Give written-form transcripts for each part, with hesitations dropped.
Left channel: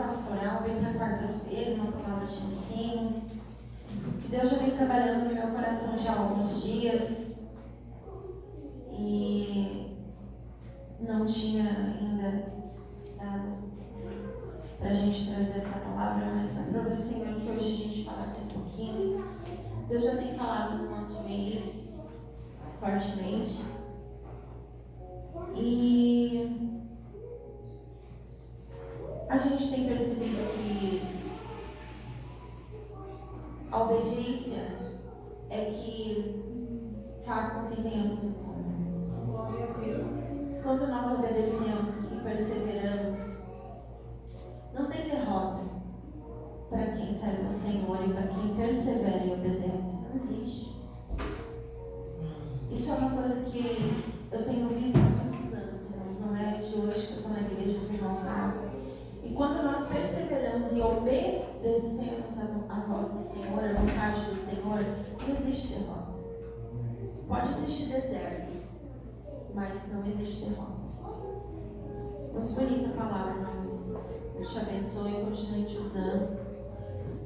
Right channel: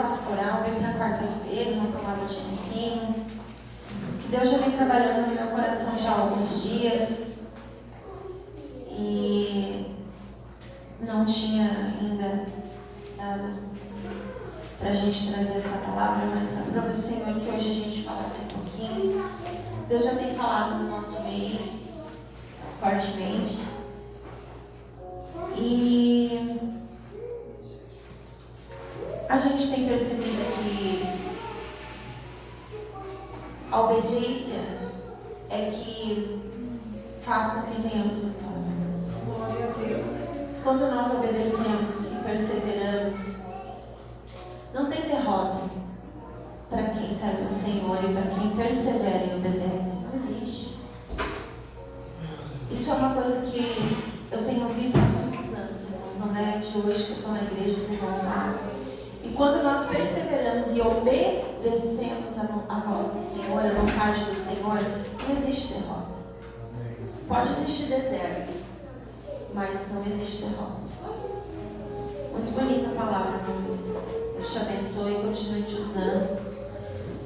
pastoral, veio para quarta-feira, uma palavra de ensino. Deus já vem trabalhando no meu coração já há alguns dias. E não tinha ainda dado para a gente trazer essa palavra, mas aprove o Senhor que hoje a gente falasse um pouquinho. Deus já tem falado no nosso meio fortemente. E a gente tem percebido que a obediência é que faz com que tenhamos vitória. Glória a Deus. Quando nós obedecemos e perseveramos, não tem derrota para quem serve o Senhor e para quem persevera e obedece. Não existe. Isso é uma coisa que eu tenho visto há muitos anos, irmãos. Não é de hoje que eu estou na igreja, vocês não sabem. E quando nós perseveramos e obedecemos a voz do Senhor, a vontade do Senhor, não existe derrota. Pode existir desertos, mas não existe derrota. Muito bonita a palavra, irmão Luiz. Deus te abençoe e continue te usando.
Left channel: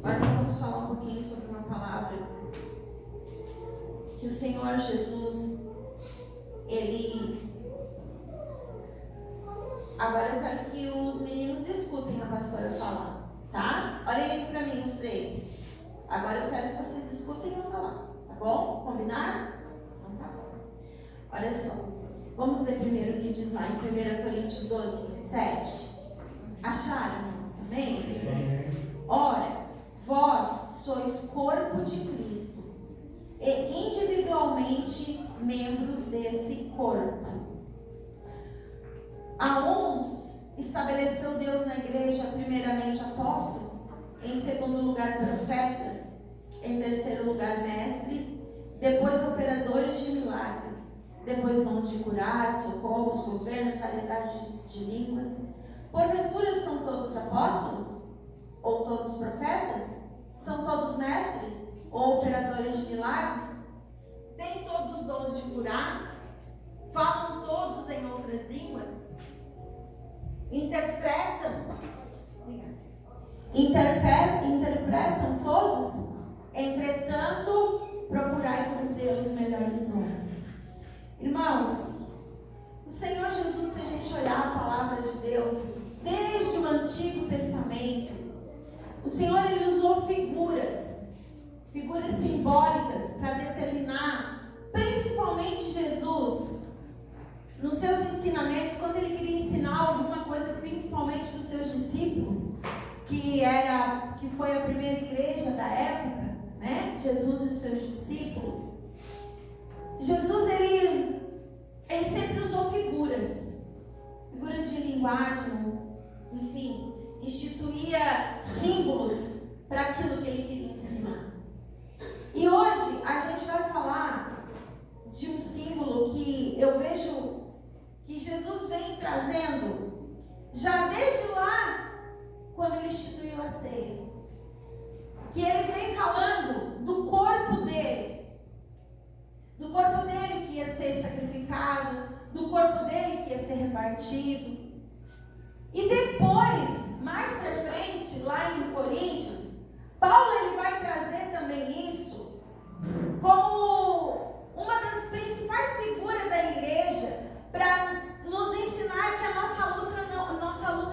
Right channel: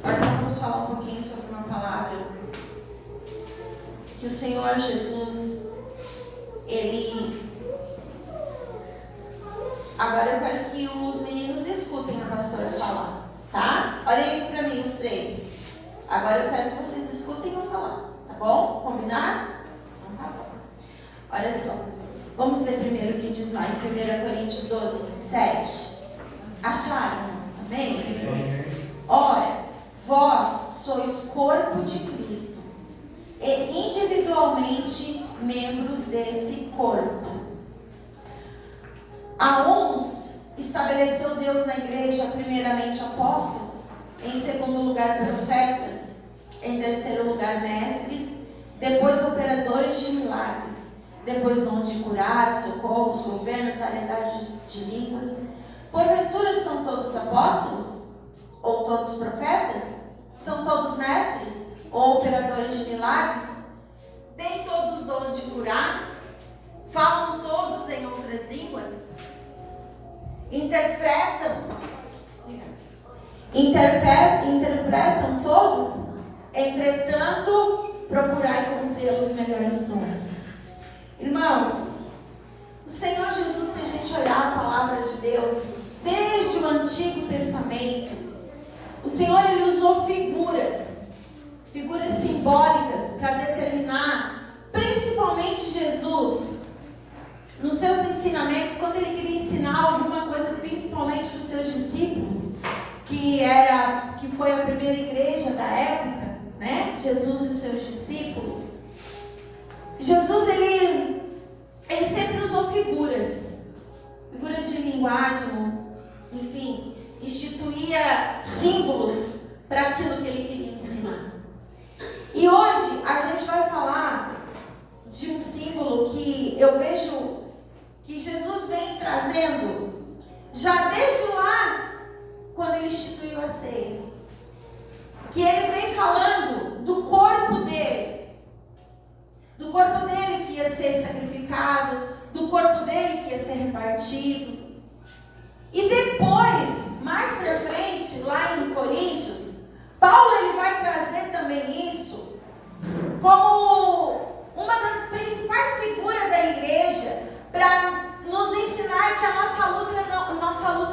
Agora nós vamos falar um pouquinho sobre uma palavra que o Senhor Jesus, Agora eu quero que os meninos escutem a pastora falar, tá? Olhem aí pra mim, os três. Agora eu quero que vocês escutem eu falar, tá bom? Combinado? Então tá bom. Olha só. Vamos ler primeiro o que diz lá em 1 Coríntios 12, 27. Acharam, irmãos? Amém? Ora, vós sois corpo de Cristo e individualmente membros desse corpo. A uns estabeleceu Deus na igreja primeiramente apóstolos, em segundo lugar profetas, em terceiro lugar mestres, depois operadores de milagres, depois dons de curar, socorros, governos, variedades de línguas. Porventura são todos apóstolos? Ou todos profetas? São todos mestres? Ou operadores de milagres? Têm todos dons de curar? Falam todos em outras línguas? Interpretam todos? Entretanto, procurai com zelo os melhores dons. Irmãos, o Senhor Jesus, se a gente olhar a palavra de Deus, desde o Antigo Testamento, o Senhor ele usou figuras simbólicas para determinar, principalmente Jesus, nos seus ensinamentos, quando ele queria ensinar alguma coisa, principalmente para os seus discípulos, que foi a primeira igreja da época, né? Jesus e os seus discípulos. Jesus, ele sempre usou figuras de linguagem, enfim, instituía símbolos para aquilo que ele queria ensinar. E hoje a gente vai falar de um símbolo que eu vejo que Jesus vem trazendo já desde lá, quando ele instituiu a ceia, que ele vem falando do corpo dele que ia ser sacrificado, do corpo dele que ia ser repartido. E depois, mais para frente, lá em Coríntios, Paulo ele vai trazer também isso como uma das principais figuras da igreja, para nos ensinar que a nossa luta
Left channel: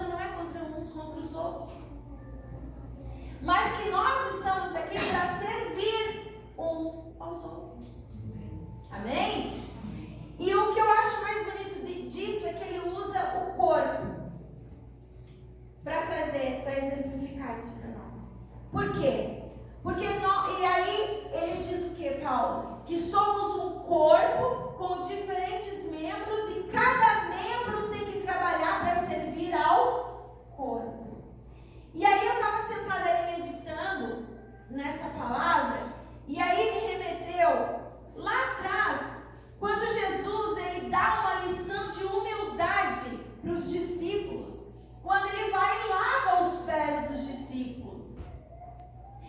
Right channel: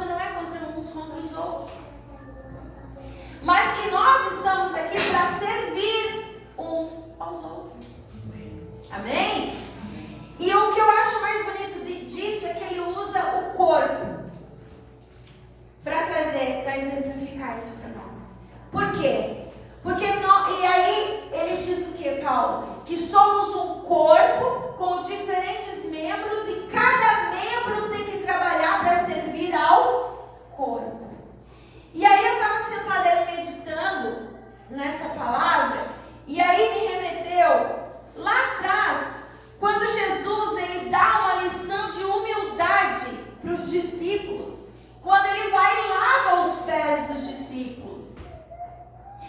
não é contra os outros, mas que nós estamos aqui para servir uns aos outros. Amém? E o que eu acho mais bonito disso é que ele usa o corpo para exemplificar isso para nós. Por quê? E aí ele diz o que, Paulo? Que somos um corpo com diferentes membros e cada membro tem que trabalhar para servir ao corpo. E aí eu estava sentada ali meditando nessa palavra, e aí me remeteu lá atrás, quando Jesus ele dá uma lição de humildade para os discípulos, quando ele vai e lava os pés dos discípulos.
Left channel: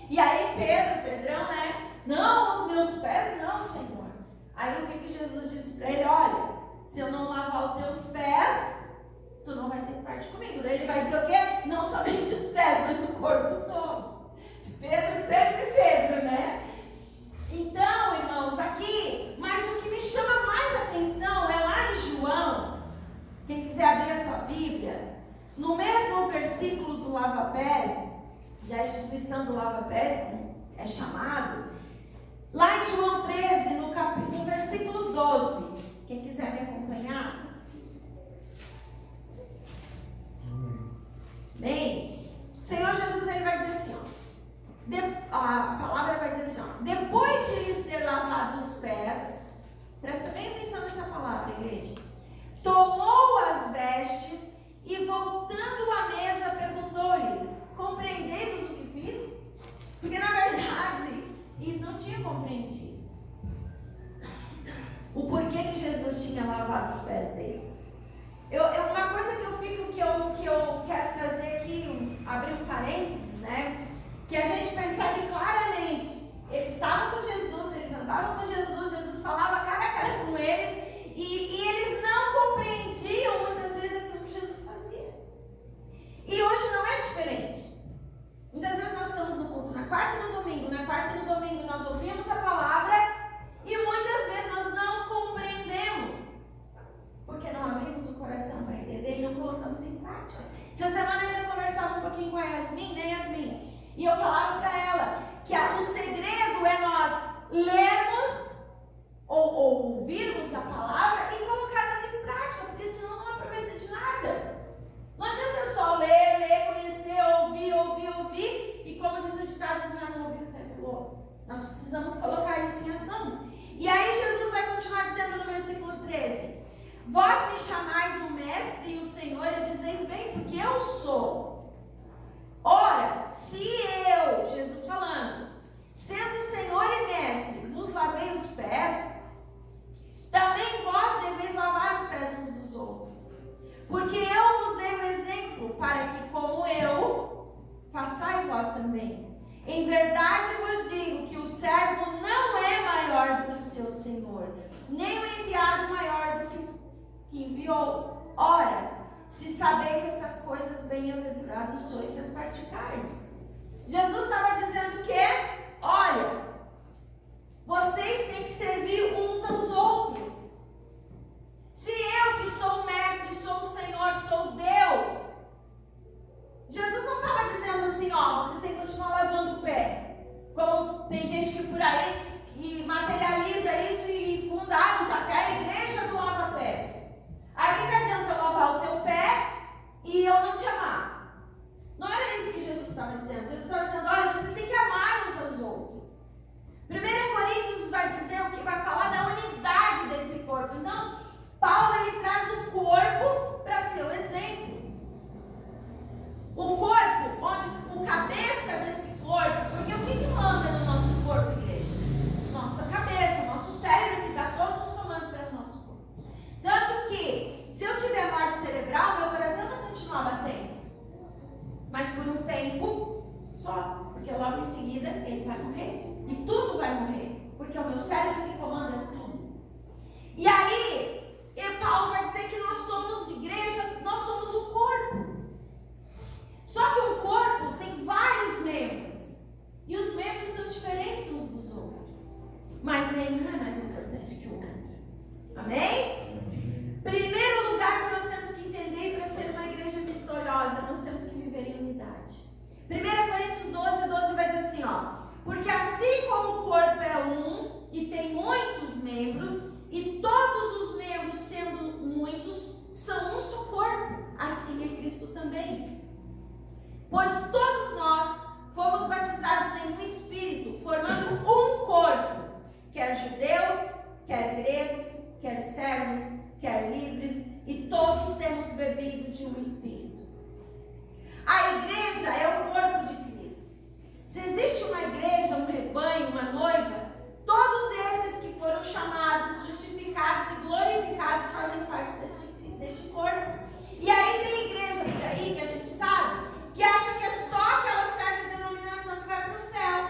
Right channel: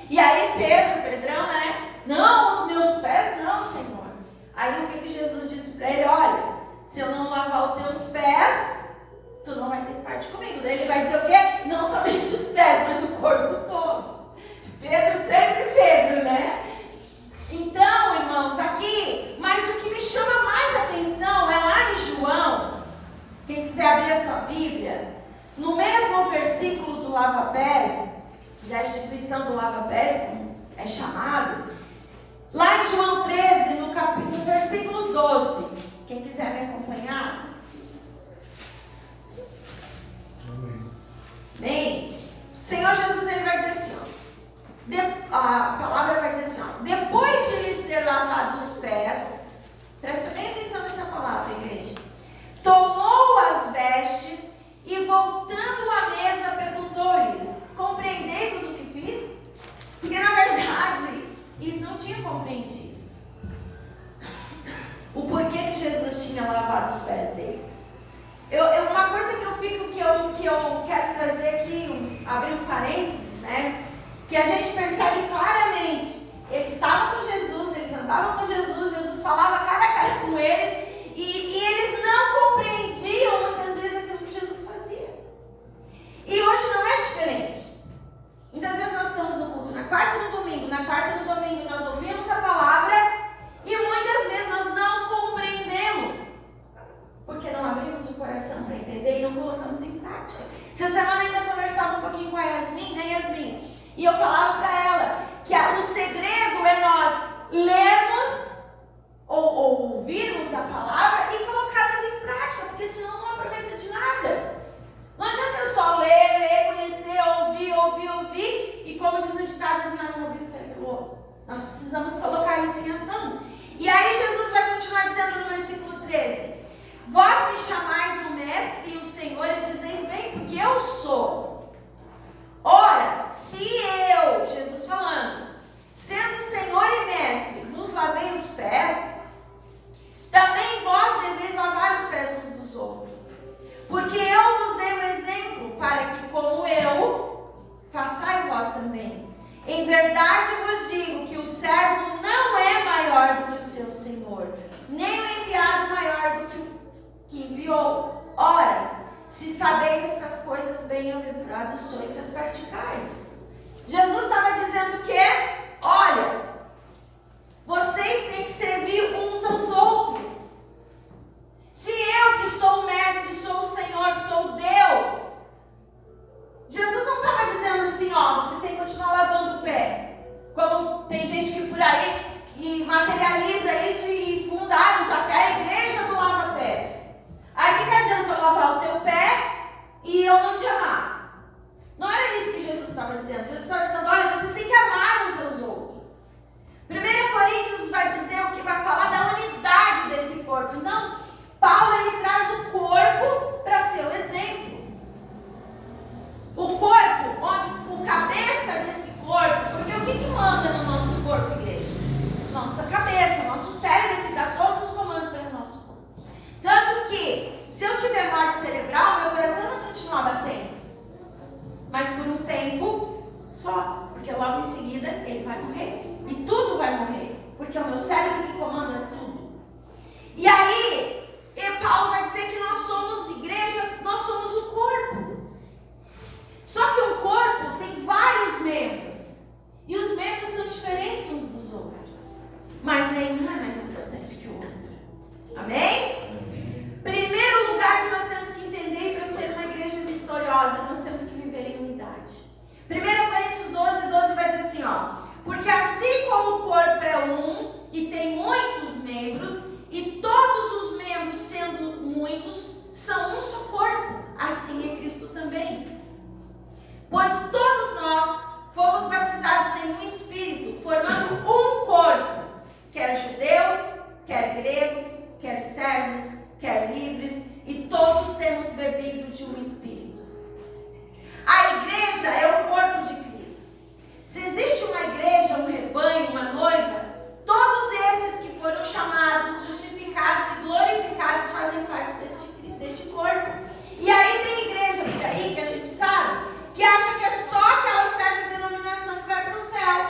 E aí Pedrão, né? Não, os meus pés não, Senhor. Aí o que Jesus disse para ele? Olha, se eu não lavar os teus pés, tu não vai ter parte comigo. Daí ele vai dizer o quê? não somente os pés, mas o corpo todo. Pedro sempre Pedro, né? Então, irmãos, aqui, mas o que me chama mais atenção é lá em João, quem quiser abrir a sua Bíblia, no mesmo versículo do lava-pés, da instituição do lava-pés, é chamado, lá em João 13, no versículo 12, quem quiser me acompanhar. Bem, o Senhor Jesus, ele vai dizer assim, ó, a palavra vai dizer assim, ó, depois de lhes ter lavado os pés, presta bem atenção nessa palavra, igreja, tomou as vestes e voltando à mesa perguntou-lhes, compreendeis o que fiz? Porque na verdade, eles não tinham compreendido o porquê que Jesus tinha lavado os pés deles. Uma coisa que eu quero trazer aqui, abrir um parênteses, né? Que a gente percebe claramente, eles estavam com Jesus, eles andavam com Jesus, Jesus falava cara a cara com eles, e eles não compreendiam muitas vezes aquilo que Jesus fazia. E hoje não é diferente. Muitas vezes nós estamos no culto na quarta e no domingo, nós ouvimos a palavra e muitas vezes nós não compreendemos, porque não abrimos o coração para entender e não colocamos em prática. Essa semana ainda conversava um pouquinho com a Yasmin, né, Yasmin? E eu falava para ela que o segredo é nós lermos ou ouvirmos a palavra e colocarmos em prática, porque senão não aproveita de nada. Não adianta eu só ler, conhecer, ouvir, e como diz o ditado, entrar no ouvido e sair pelo outro. Nós precisamos colocar isso em ação. E aí Jesus vai continuar dizendo no versículo 13, vós me chamais o mestre e o Senhor, e dizeis bem, porque eu sou. Ora, se eu, Jesus falando, sendo Senhor e mestre, vos lavei os pés, também vós deveis lavar os pés uns dos outros. Porque eu vos dei um exemplo, para que como eu, façai vós também. Em verdade vos digo que o servo não é maior do que o seu Senhor, nem o enviado maior do que o que enviou. Ora, se sabeis estas coisas, bem-aventurados sois se as praticardes. Jesus estava dizendo o quê? Olha, vocês têm que servir uns aos outros. Se eu que sou o mestre, sou o Senhor, sou Deus, Jesus não estava dizendo assim, ó, vocês têm que continuar lavando o pé. Como tem gente que por aí que materializa isso e fundaram já até a igreja do lava-pés. Aí o que adianta eu lavar o teu pé e eu não te amar? Não era isso que Jesus estava dizendo. Jesus estava dizendo, olha, vocês têm que amar uns aos outros. 1 Coríntios vai dizer o que vai falar da unidade desse corpo. Então, Paulo ele traz o corpo para ser o exemplo. O corpo, onde o cabeça desse corpo, porque o que manda no nosso corpo, igreja? Nossa cabeça, nosso cérebro que dá todos os comandos para o nosso corpo. Tanto que, se eu tiver morte cerebral, meu coração vai continuar batendo. Mas por um tempo só, porque logo em seguida ele vai morrer. E tudo vai morrer, porque é o meu cérebro que comanda tudo. E aí, Paulo vai dizer que nós somos igreja, nós somos o corpo. Só que o corpo tem vários membros. E os membros são diferentes uns dos outros. Mas nenhum é mais importante que o outro. Amém? Primeiro lugar que nós temos que entender para ser uma igreja vitoriosa, nós temos que viver em unidade. 1 Coríntios 12 vai dizer assim, ó. Porque assim como o corpo é um e tem muitos membros, e todos os membros sendo muitos, são um só corpo, assim é Cristo também. Pois todos nós fomos batizados em um Espírito, formando um corpo, quer judeus, quer gregos, quer servos, quer livres, e todos temos bebido de um Espírito. A igreja é o corpo de Cristo. Se existe uma igreja, um rebanho, uma noiva, todos esses que foram chamados, justificados e glorificados fazem parte deste corpo. E aí tem igreja por aí que a gente sabe, que acha que é só aquela certa denominação que vai para o céu.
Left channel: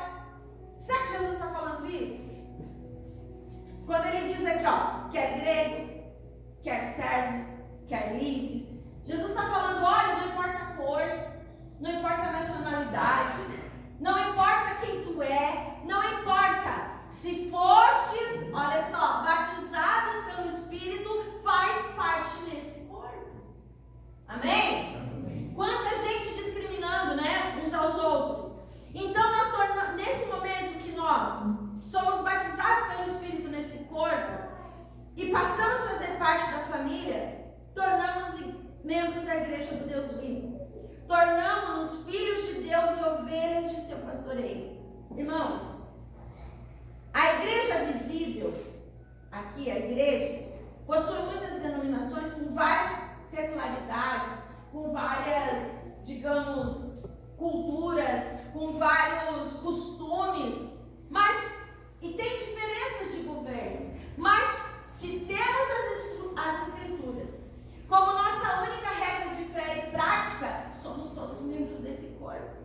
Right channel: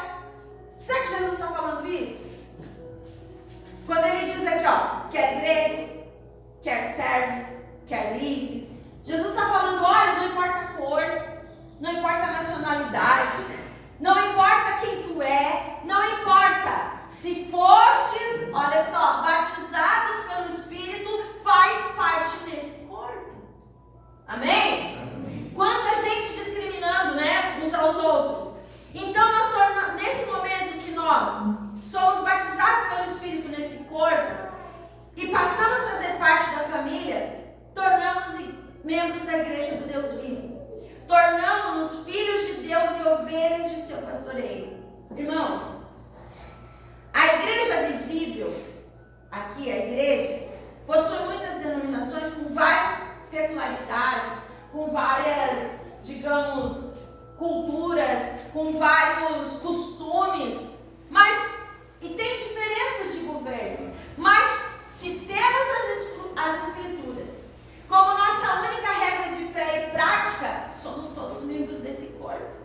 Será que Jesus está falando isso? Quando ele diz aqui, ó, quer grego, quer servos, quer livres, Jesus está falando, olha, não importa a cor, não importa a nacionalidade, não importa quem tu é, não importa. Se fostes, olha só, batizados pelo Espírito, faz parte desse corpo. Amém? Amém. Quanta gente discriminando, né, uns aos outros. Então nós tornamos, nesse momento que nós somos batizados pelo Espírito nesse corpo e passamos a fazer parte da família, tornamos-nos membros da igreja do Deus vivo. Tornamos-nos filhos de Deus e ovelhas de seu pastoreio. Irmãos, a igreja visível, aqui a igreja, possui muitas denominações com várias peculiaridades, com várias, digamos, culturas, com vários costumes, e tem diferenças de governos. Mas se temos as escrituras como nossa única regra de fé e prática, somos todos membros desse corpo.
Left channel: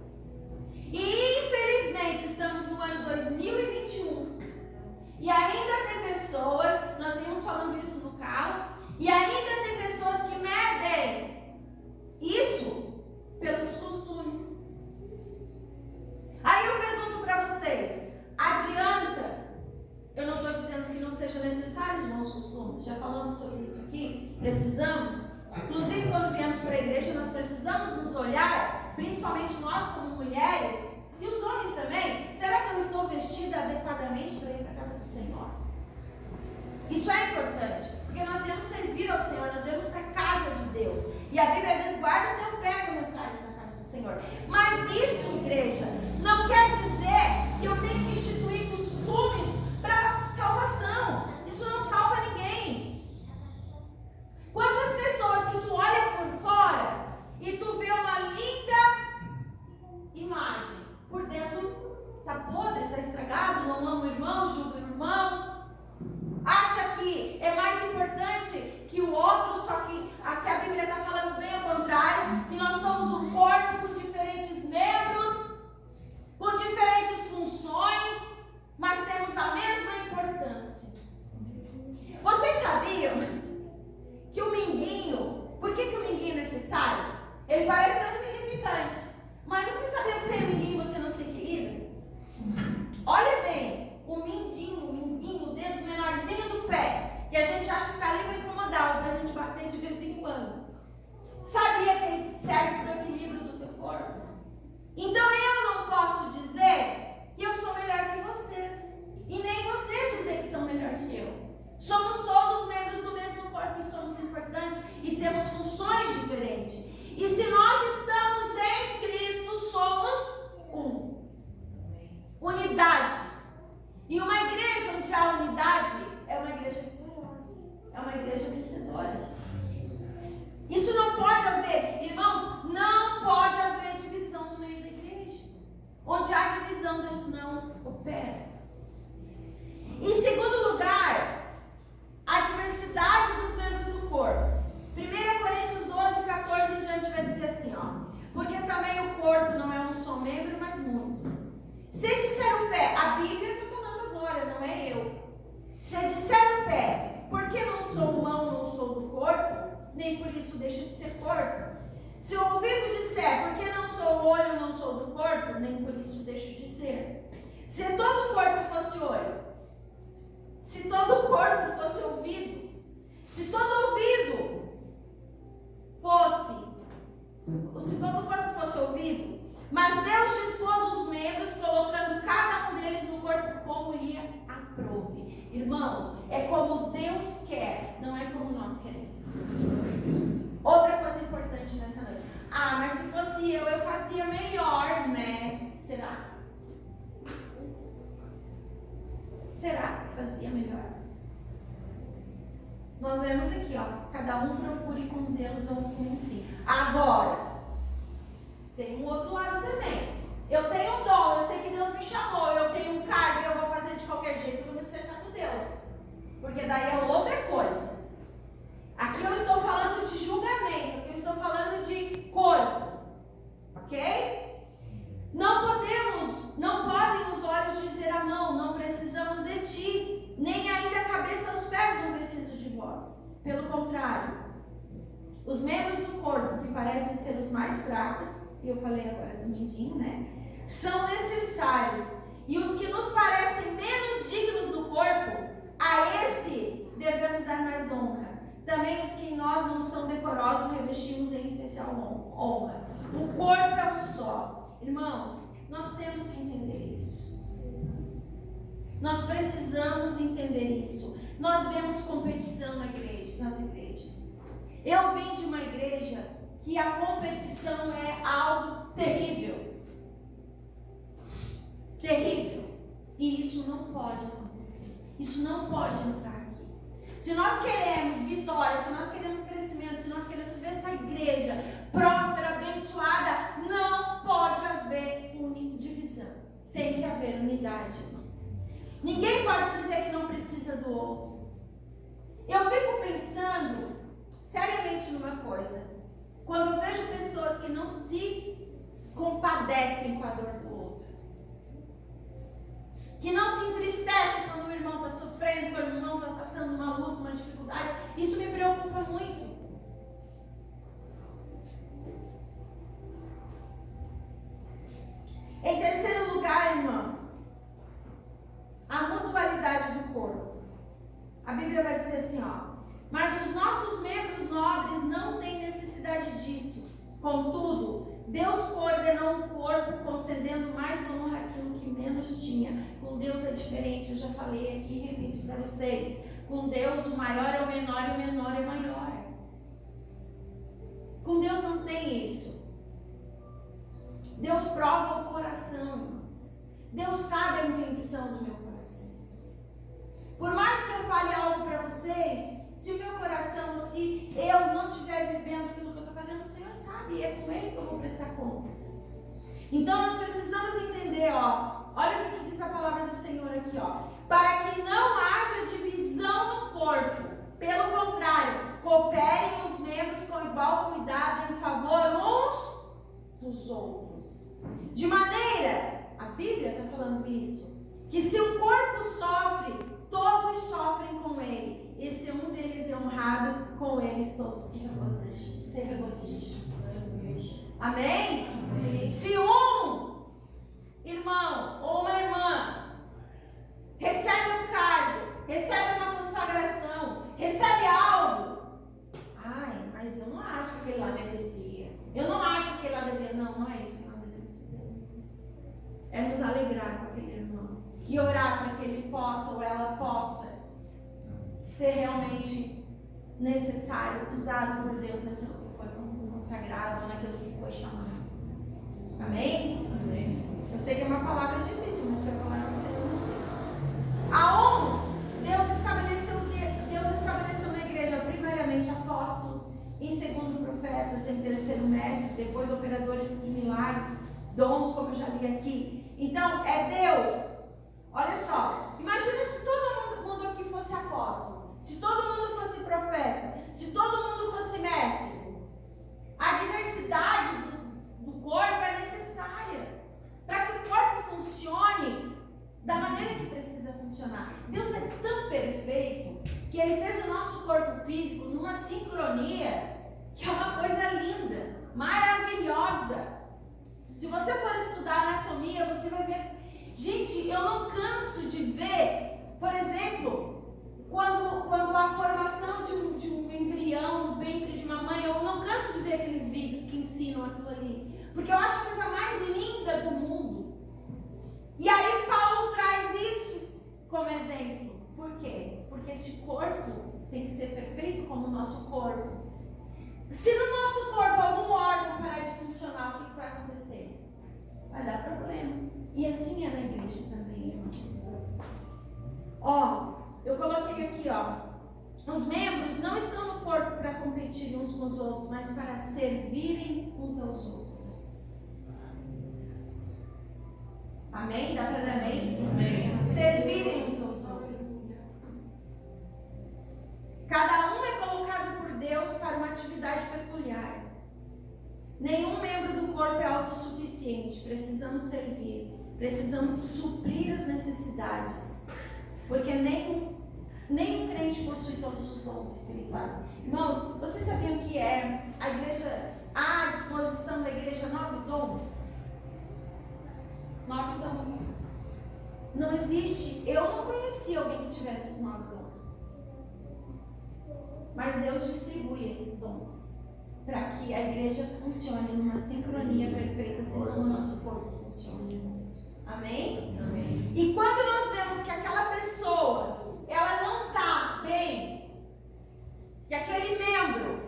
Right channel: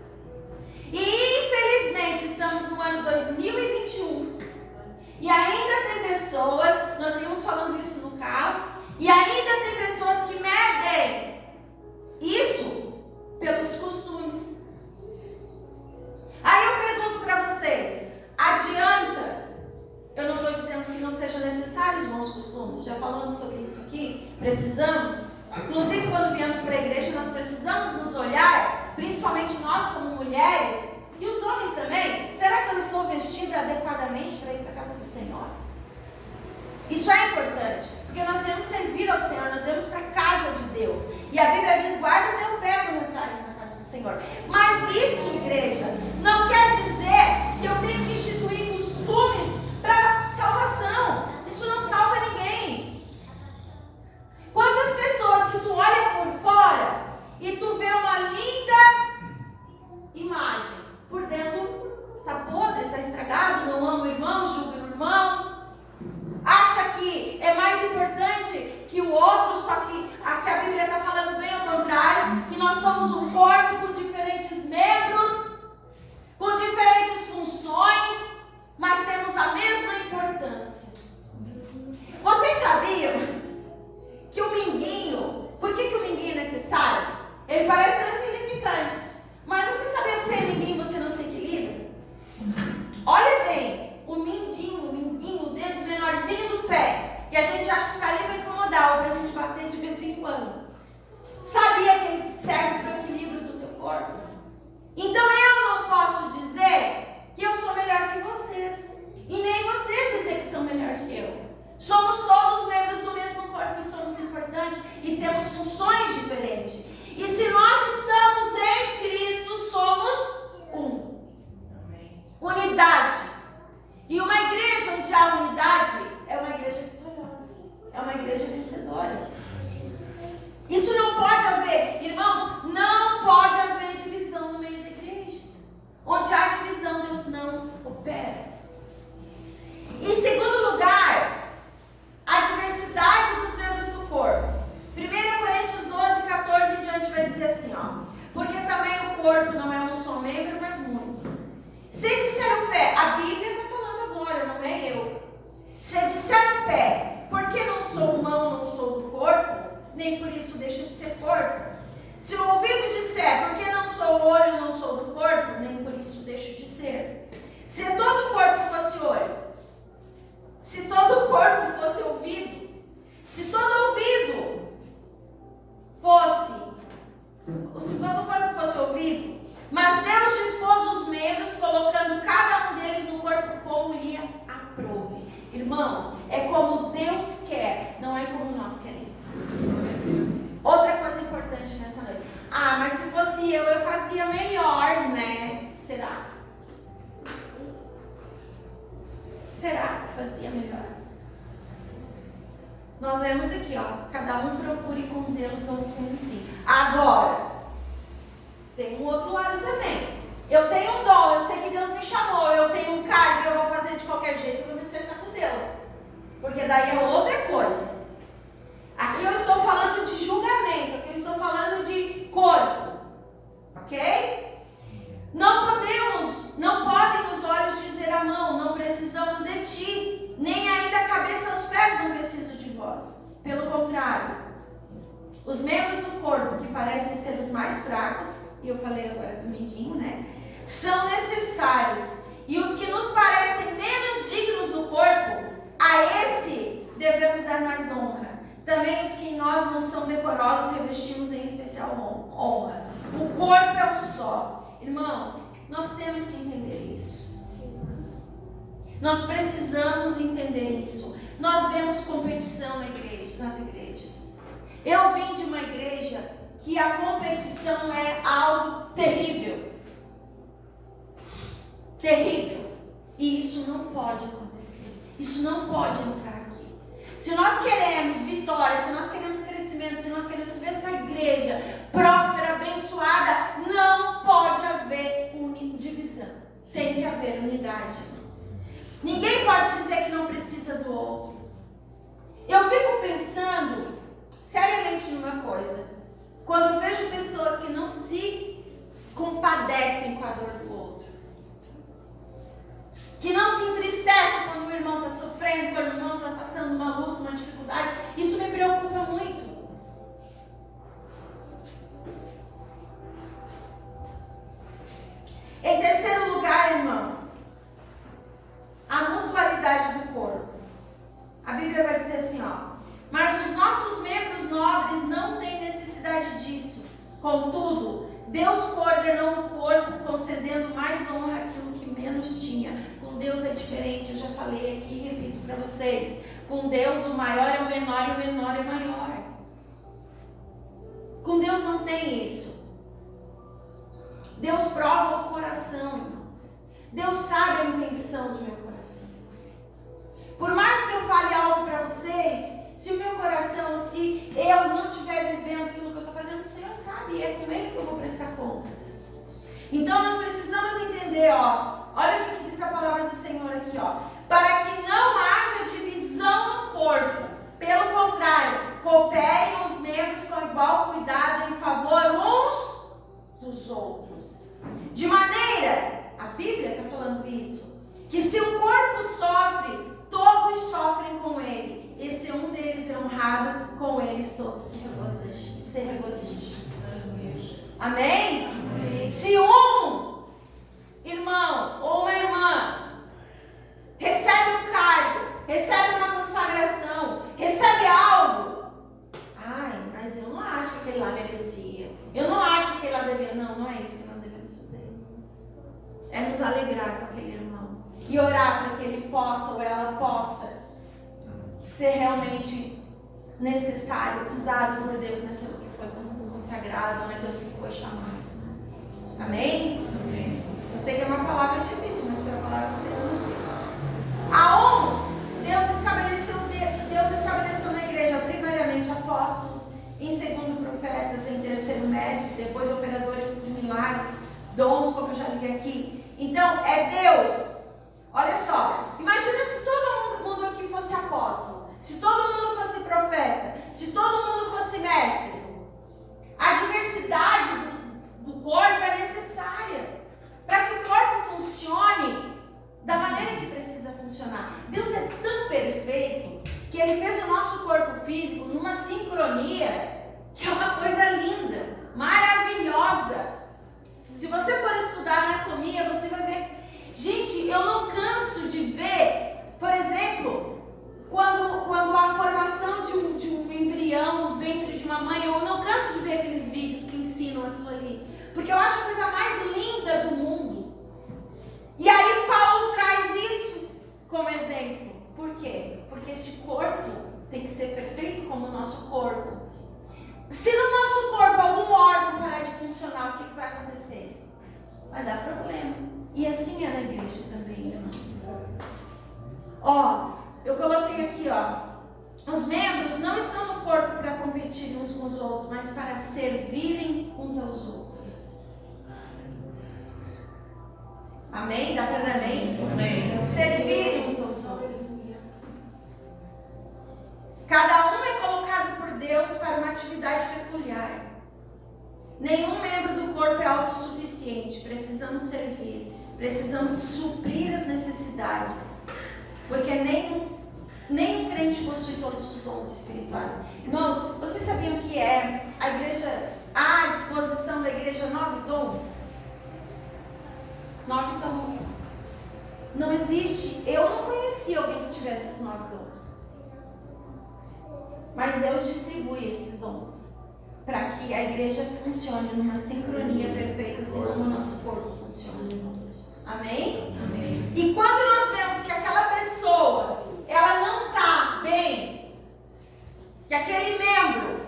E infelizmente estamos no ano 2021 e ainda tem pessoas, nós vimos falando isso no carro, e ainda tem pessoas que medem isso pelos costumes. Aí eu pergunto para vocês, adianta? Eu não estou dizendo que não seja necessário os bons costumes, já falamos sobre isso aqui, precisamos. Inclusive quando viemos para a igreja nós precisamos nos olhar, principalmente nós como mulheres, e os homens também. Será que eu estou vestida adequadamente para ir para a casa do Senhor? Isso é importante, porque nós devemos servir ao Senhor, nós devemos para a casa de Deus. E a Bíblia diz, guarda o teu pé quando entrares na casa do Senhor. Mas isso, igreja, não quer dizer que eu tenho que instituir costumes para salvação. Isso não salva ninguém. Quantas pessoas que tu olha por fora e tu vê uma linda imagem, por dentro está podre, está estragado, não ama o irmão, julga o irmão, acha que é mais importante que o outro, só que aqui a Bíblia está falando bem ao contrário, que nós somos um corpo com diferentes membros, com diferentes funções, mas temos a mesma importância. Vocês sabiam que o minguinho, por que o minguinho é necessário? Ele parece tão insignificante, mas vocês sabiam que sem minguinho você não se equilibra? Olha bem, o minguinho, o dedo menorzinho do pé, que a gente acha que está ali para incomodar ou para a gente bater de vez em quando. Sabia que ele serve para o equilíbrio do teu corpo? Então eu não posso dizer que eu sou melhor que vocês, e nem vocês dizer que são melhores que eu. Somos todos membros do mesmo corpo e somos importantes e temos funções diferentes. E se nós estamos em Cristo, somos um. Unidade. E uma igreja onde há unidade é uma igreja vitoriosa, é uma igreja vencedora. Isso não pode haver, irmãos, não pode haver divisão no meio da igreja. Onde há divisão, Deus não opera. Em segundo lugar, a diversidade dos membros do corpo. 1 Coríntios 12, 14 em diante vai dizer assim, porque também o corpo não é um só membro, mas muitos. Se disser o pé, a Bíblia está falando agora, não é eu. Se disser o pé, porque não sou mão, não sou do corpo, nem por isso deixa de ser corpo. Se o ouvido disser, porque não sou olho, não sou do corpo, nem por isso deixo de ser. Se todo o corpo fosse olho, se todo o corpo fosse ouvido, se todo ouvido fosse, se todo o corpo fosse ouvido, mas Deus dispôs os membros, colocando cada um deles no corpo como lhe aprouve. Irmãos, é como Deus quer, não é como nós queremos. Outra coisa importante nessa noite. Mas se fosse eu fazia melhor, né? Será? Será que fazia melhor? Nós vemos aqui, cada um procure com zelo como com si. Agora, tem um outro lado também. Eu tenho um dom, eu sei que Deus me chamou, eu tenho um cargo, eu vou fazer de qualquer jeito, eu vou me acertar com Deus. Porque daí é outra coisa. Aqui eu estou falando de julgamento, aqui eu estou falando de corpo. Ok? Não podem os olhos dizer à mão, não precisamos de ti, nem ainda a cabeça aos pés, não preciso de vós. Pelo contrário, os membros do corpo que parecem ser os mais fracos e eu falei agora do Mindinho, né? São necessários. E os que nos parecem menos dignos do corpo, a esse devemos dar mais honra. Também os que em nós não são decorosos, revestimos em especial honra. O corpo é um só. Irmãos, nós temos que entender isso. Nós precisamos entender isso. Nós vemos competição nas igrejas. Eu vim de uma igreja que a competição é algo terrível. Terrível. E isso não pode acontecer. Isso não pode entrar aqui. Se nós queremos vitória, se nós queremos crescimento, se nós queremos ver essa igreja próspera, abençoada, não pode haver divisão. Tem que haver unidade, irmãos. Ninguém pode dizer que não precisa do outro. Eu fico pensando seriamente numa coisa. Quando eu vejo pessoas que não se compadecem com a dor do outro, que não se entristece quando o irmão está sofrendo, quando o irmão está passando uma luta, uma dificuldade, isso me preocupa muito. Em terceiro lugar, irmão, a mutualidade do corpo. A Bíblia vai dizer assim, ó: mas os nossos membros nobres não têm necessidade disso. Contudo, Deus coordenou o corpo, concedendo mais honra àquilo que menos tinha. Com Deus é diferente, eu já falei aqui e repito para vocês. Com Deus o maior é o menor e o menor é o maior. Com Deus não tem isso. Deus prova o coração, irmãos. Deus sabe a intenção do meu coração. Por mais que eu fale algo para vocês, se o meu coração, se eu não estiver vivendo aquilo que eu estou fazendo, o Senhor sabe, e é com Ele que eu vou prestar contas. Então nós precisamos entender, ó, olha o que diz a palavra do Senhor aqui, ó: para que não haja divisão no corpo, pelo contrário, cooperem os membros com igual cuidado em favor uns dos outros. De maneira, a Bíblia está falando isso, que se o corpo sofre, todos sofrem com ele. E se um deles é honrado, com eles todos se regozijam. Amém? Amém? Se um irmão ou uma irmã recebe um cargo, recebe uma consagração, recebe algo, mas eu não acho que aquele lá merecia. Eu não acho que aquele lá devia. Não é isso que nós devemos fazer, irmãos. É nos alegrar com aquele irmão e orar para que ele possa ou ela possa ser realmente necessário, usado por Deus naquilo que foi consagrado, naquilo que foi chamado. Amém? Amém. Eu sei que é uma palavra difícil, mas foi a palavra do Senhor nos deu. A uns, Deus estabeleceu na igreja primeiramente apóstolos, em segundo profetas, em terceiro mestres, depois operadores de milagres, dons, como eu já li aqui. Então, é Deus. Olha só, imagina se todo mundo aqui fosse apóstolo, se todo mundo fosse profeta, se todo mundo fosse mestre. A diversidade do corpo é necessária para que o corpo funcione da maneira que precisa funcionar. Deus é tão perfeito que Ele fez o nosso corpo físico numa sincronia que é uma coisa linda, maravilhosa. Se você for estudar anatomia, você vai ver. Gente, eu não canso de ver, por exemplo, quando a formação de um embrião no ventre de uma mãe, eu não canso de ver aqueles vídeos que ensinam aquilo ali, porque eu acho a coisa mais linda do mundo. E aí Paulo traz isso como exemplo. Por quê? Porque este corpo tem que ser perfeito como o nosso corpo. Se no nosso corpo algum órgão parar de funcionar, o que vai acontecer? Vai dar problema. E assim é na igreja também, irmãos. Ó, eu coloquei aqui, ó. Os membros não estão no corpo para competir uns com os outros, mas para servirem uns aos outros. Amém? Dá para dar amém? Amém. Servirem uns aos outros. Cada um é colocado por Deus para uma atividade peculiar. Nenhum membro do corpo é autossuficiente. Precisamos servir. Precisamos suprir as necessidades. Porque nem o crente possui todos os dons espirituais. Irmãos, vocês sabiam que a igreja disposição da igreja 9 dons. 9 dons. Não existe, eu não conheci alguém que tivesse os 9 dons. Mas Deus distribui esses dons para que a igreja funcione numa sincronia perfeita, assim como o nosso corpo funciona. Amém? Amém. E quando nós vemos que aquela pessoa, ela não está bem, que aquele membro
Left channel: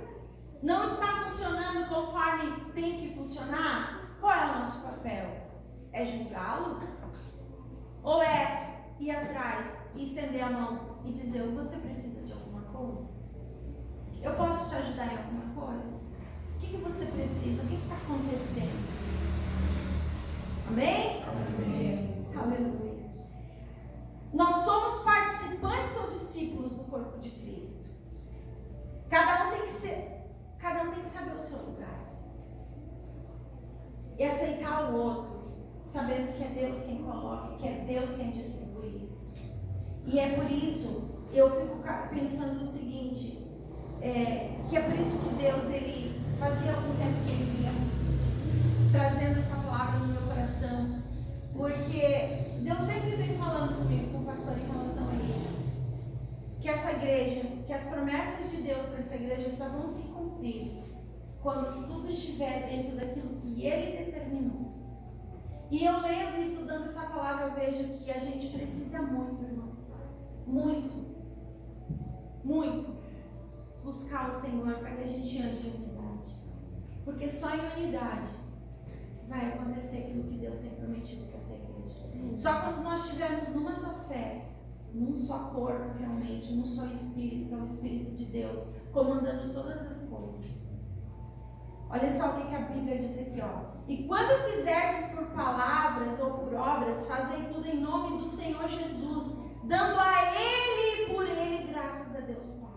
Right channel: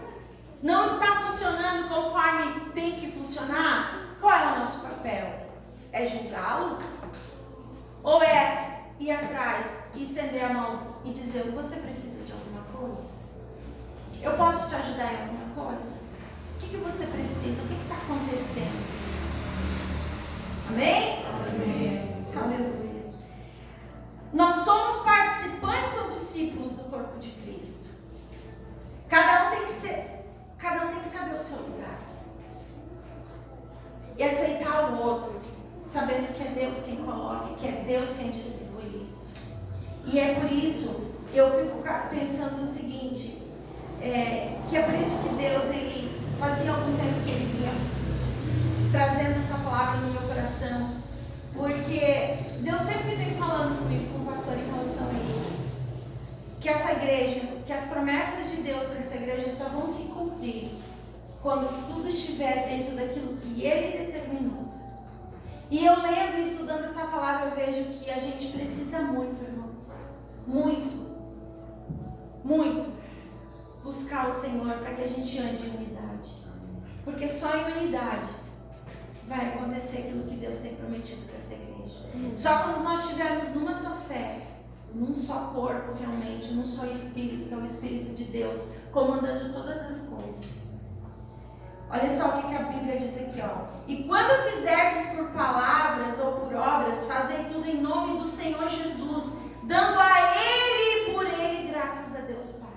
não está funcionando conforme tem que funcionar, qual é o nosso papel? É julgá-lo? Ou é ir atrás e estender a mão e dizer, você precisa de alguma coisa? Eu posso te ajudar em alguma coisa? O que você precisa? O que está acontecendo? Amém? Amém. Aleluia. Nós somos participantes ou discípulos do corpo de Cristo. Cada um tem que saber o seu lugar. E aceitar o outro, sabendo que é Deus quem coloca, que é Deus quem distribui isso. E é por isso, eu fico pensando o seguinte, que é por isso que Deus, ele fazia algum tempo que ele vinha trazendo essa palavra no meu coração, porque Deus sempre vem falando comigo, com o pastor, em relação a isso, que essa igreja, que as promessas de Deus para essa igreja só vão se cumprir quando tudo estiver dentro daquilo que Ele determinou. E eu lendo e estudando essa palavra, eu vejo que a gente precisa muito, irmãos, muito buscar o Senhor para que a gente ande em unidade, porque só em unidade vai acontecer aquilo que Deus tem prometido para essa igreja. Só quando nós estivermos numa só fé, num só corpo realmente, num só Espírito, que é o Espírito de Deus, comandando todas as coisas. Olha só o que a Bíblia diz aqui, ó. E quando fizerdes por palavras ou por obras, fazei tudo em nome do Senhor Jesus, dando a Ele e por Ele graças a Deus Pai.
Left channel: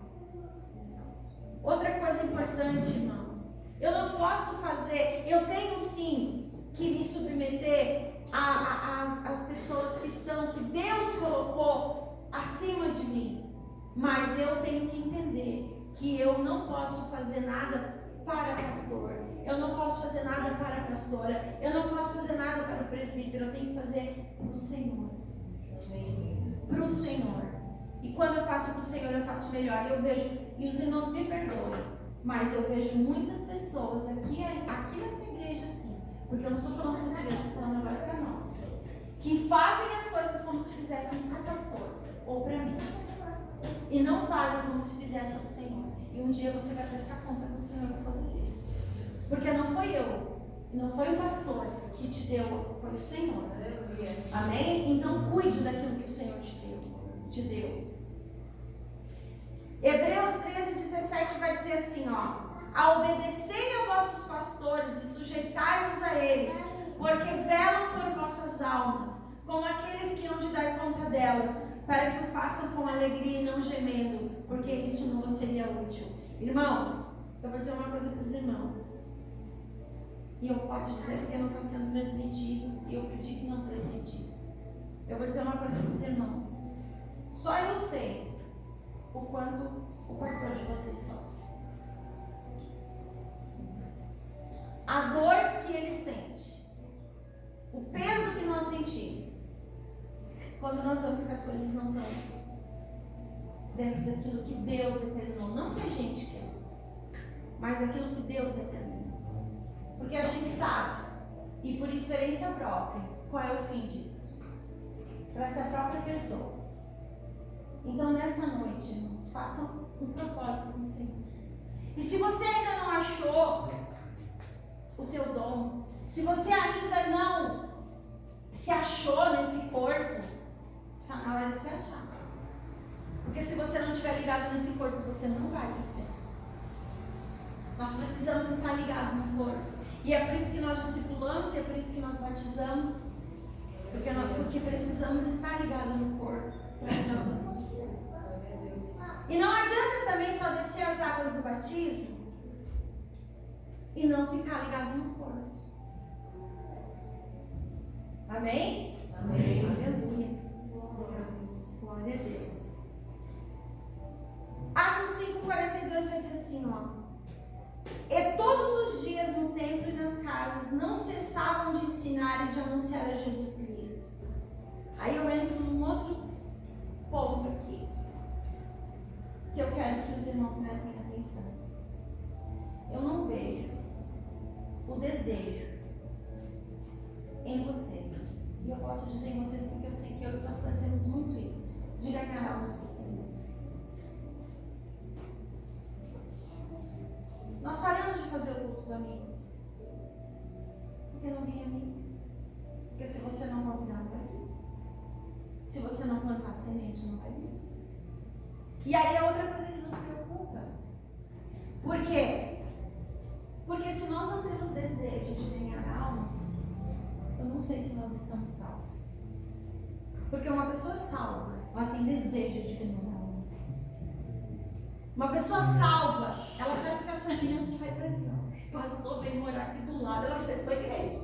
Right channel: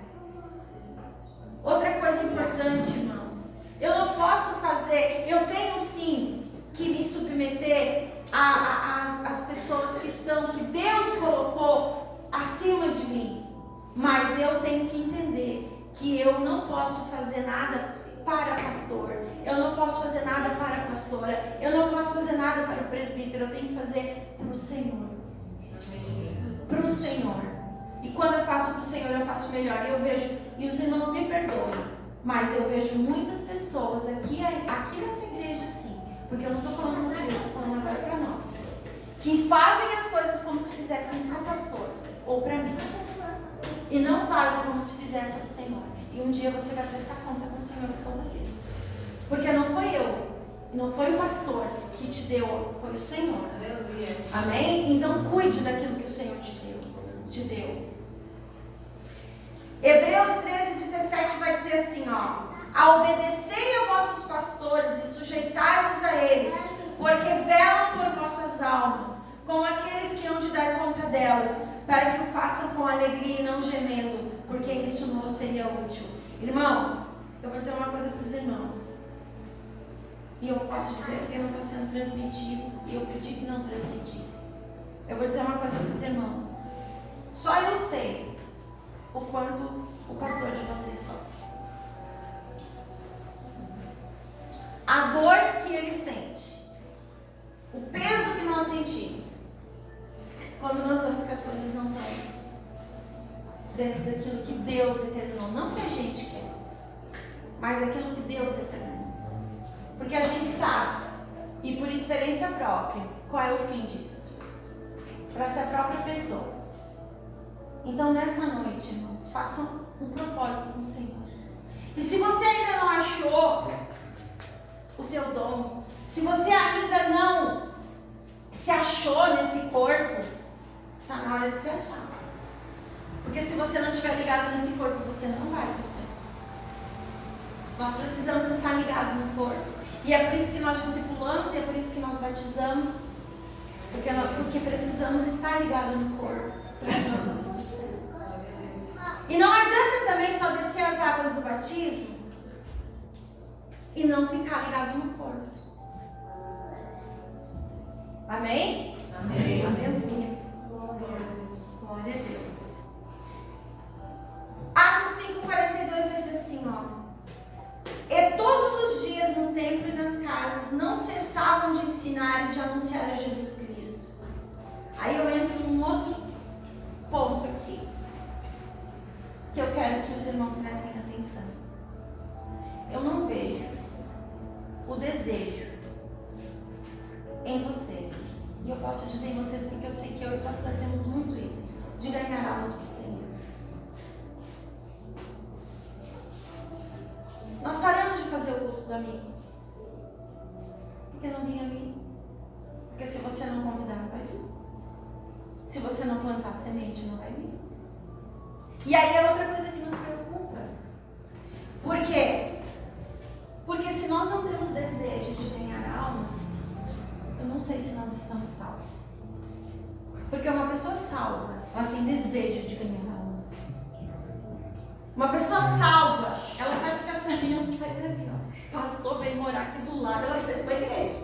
Outra coisa importante, irmãos, eu não posso fazer, eu tenho sim que me submeter às pessoas que Deus colocou acima de mim, mas eu tenho que entender que eu não posso fazer nada para pastor, eu não posso fazer nada para a pastora, eu não posso fazer nada para o presbítero, eu tenho que fazer para o Senhor. Para o Senhor. E quando eu faço para o Senhor, eu faço melhor. E eu vejo, e os irmãos me perdoem, mas eu vejo muitas pessoas aqui nessa igreja assim, porque eu não estou falando para ele, eu estou falando agora para nós, que fazem as coisas como se fizessem para o pastor ou para mim, e não fazem como se fizessem para o Senhor. E um dia você vai prestar conta com o Senhor por causa disso. Porque não foi eu, não foi o pastor que te deu, foi o Senhor. Aleluia. Amém? Então cuide daquilo que o Senhor te deu. Hebreus 13:17 vai dizer assim, ó: a obedecei a vossos pastores e sujeitai-vos a eles, porque velam por vossas almas, como aqueles que hão de dar conta delas, para que o façam com alegria e não gemendo, porque isso não seria útil. Irmãos, eu vou dizer uma coisa para os irmãos, e eu posso dizer porque não está sendo transmitido, e eu pedi que não transmitisse. Eu vou dizer uma coisa para os irmãos, só eu sei o quanto o pastor de vocês sofre, a dor que ele sente, o peso que nós sentimos quando nós vemos que as coisas não estão dentro daquilo que Deus determinou, não que a gente quer, mas aquilo que Deus determinou, porque a gente sabe, e por experiência própria, qual é o fim disso, para essa própria pessoa. Então nessa noite, irmãos, façam um propósito com o Senhor, e se você ainda não achou o teu dom, se você ainda não se achou nesse corpo, está na hora de se achar. Porque se você não estiver ligado nesse corpo, você não vai para o céu. Nós precisamos estar ligados no corpo. E é por isso que nós discipulamos, e é por isso que nós batizamos. Porque precisamos estar ligados no corpo para que nós vamos para o céu. E não adianta também só descer as águas do batismo e não ficar ligado no corpo. Amém? Amém. Aleluia. Glória a Deus. Atos 5:42 vai dizer assim, ó: e todos os dias no templo e nas casas não cessavam de ensinar e de anunciar a Jesus Cristo. Aí eu entro num outro ponto aqui, que eu quero que os irmãos prestem atenção. Eu não vejo o desejo em vocês, e eu posso dizer em vocês porque eu sei que eu e o pastor temos muito isso, de ganhar almas para o Senhor. Nós paramos de fazer o culto do amigo, porque não vinha amigo. Porque se você não convidar, não vai vir. Se você não plantar semente, não vai vir. E aí é outra coisa que nos preocupa. Por quê? Porque se nós não temos desejo de ganhar almas, eu não sei se nós estamos salvos. Porque uma pessoa salva, ela tem desejo de ganhar almas. Uma pessoa salva, ela faz o que a senhorinha não faz ali, ó. Pastor veio morar aqui do lado, ela fez para a igreja.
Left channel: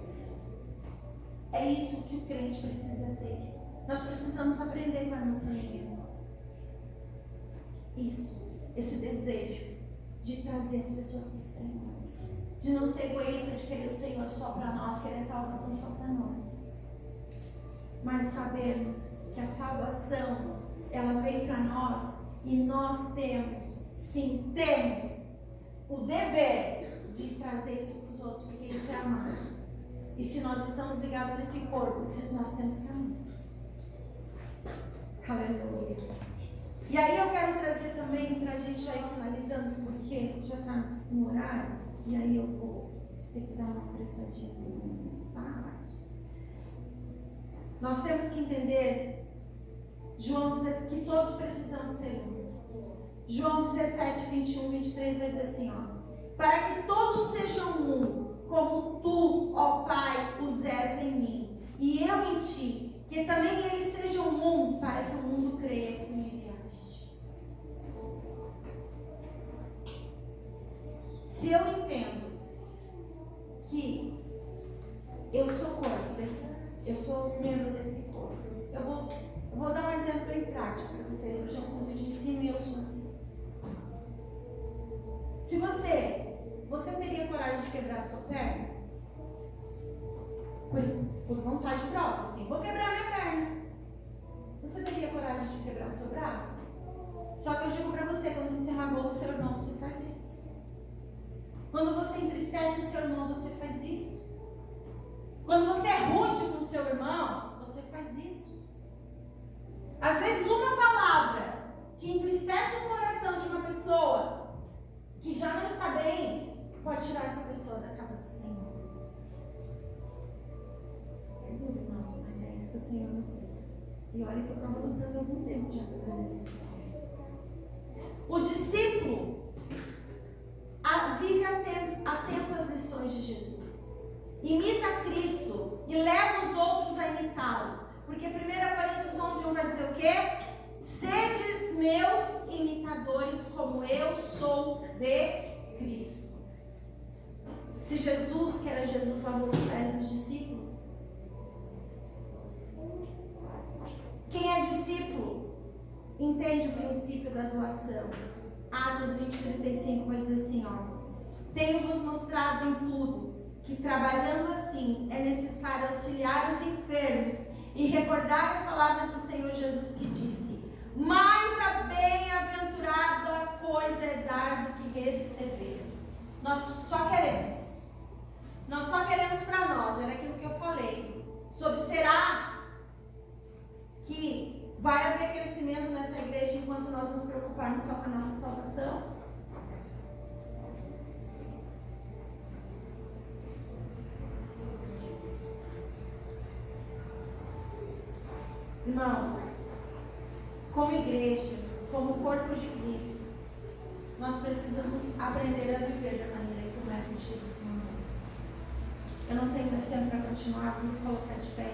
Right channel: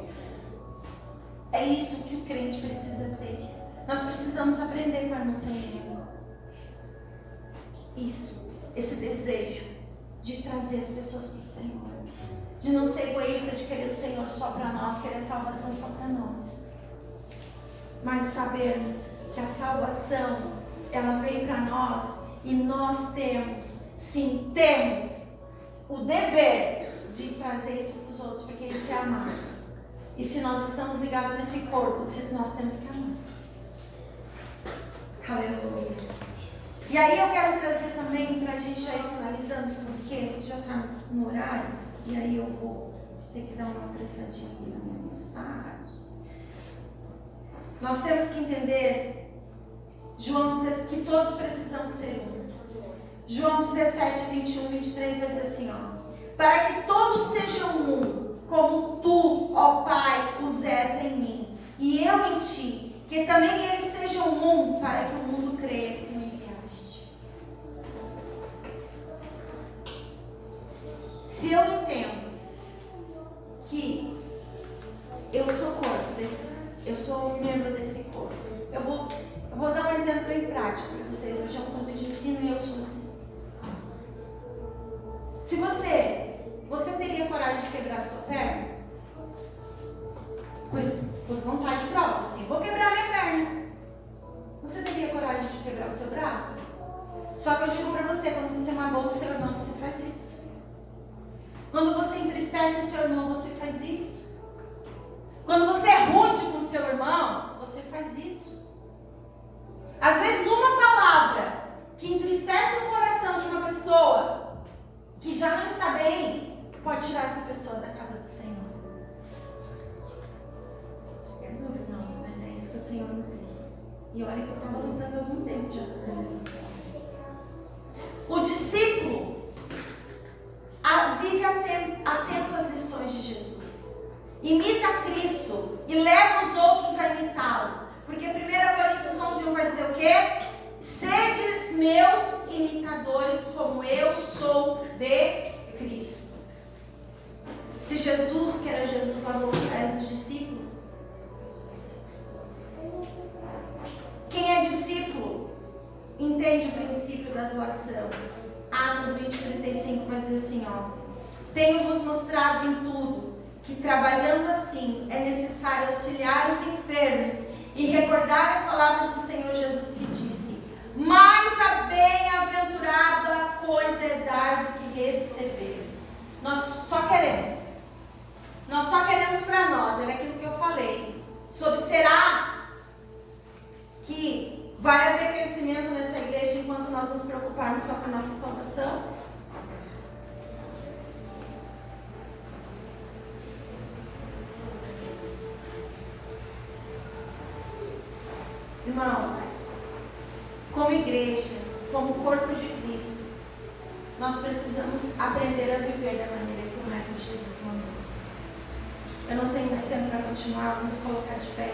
É isso que o crente precisa ter. Nós precisamos aprender com a nossa igreja. Isso, esse desejo de trazer as pessoas para o Senhor. De não ser egoísta, de querer o Senhor só para nós, querer a salvação só para nós. Mas sabermos que a salvação, ela vem para nós e nós temos, sim, temos o dever de trazer isso para os outros, porque isso é amar. E se nós estamos ligados nesse corpo, nós temos que amar. Aleluia. E aí eu quero trazer também, para a gente já ir finalizando, porque já está no horário, e aí eu vou ter que dar uma apressadinha aqui na minha mensagem. Nós temos que entender, que todos precisamos ser um. João 17, 21, 23 vai dizer assim, ó: para que todos sejam um, como tu, ó Pai, os és em mim, e eu em ti, que também eles sejam um, para que o mundo creia que tu me enviaste. Se eu entendo que eu sou corpo eu sou membro desse corpo, eu vou dar um exemplo bem prático para vocês. Hoje é um ponto de ensino e eu sou assim. Se você teria coragem de quebrar a sua perna? Pois, por vontade própria, assim, vou quebrar minha perna. Você teria coragem de quebrar o seu braço? Só que eu digo para você, quando você magoa o seu irmão, você faz isso. Quando você entristece o seu irmão, você faz isso. Quando você é rude com o seu irmão, você faz isso. Às vezes uma palavra que entristece o coração de uma pessoa que já não está bem, pode tirar essa pessoa da casa do Senhor. É duro, irmãos, mas é isso que o Senhor nos deu. E olha que eu estava lutando há algum tempo já para fazer isso. O discípulo vive atento às lições de Jesus. Imita Cristo e leva os outros a imitá-lo. Porque 1 Coríntios 11:1 vai dizer o quê? Sede meus imitadores, como eu sou de Cristo. Se Jesus, que era Jesus, lavou os pés dos discípulos, quem é discípulo entende o princípio da doação. Atos 20:35 vai dizer assim, ó: tenho-vos mostrado em tudo que trabalhando assim é necessário auxiliar os enfermos e recordar as palavras do Senhor Jesus que disse: mais a bem-aventurada coisa é dar do que receber. Nós só queremos para nós, era aquilo que eu falei, sobre será que vai haver crescimento nessa igreja enquanto nós nos preocuparmos só com a nossa salvação? Irmãos, como igreja, como corpo de Cristo, nós precisamos aprender a viver da maneira que o Mestre Jesus mandou. Eu não tenho mais tempo para continuar, vamos colocar de pé.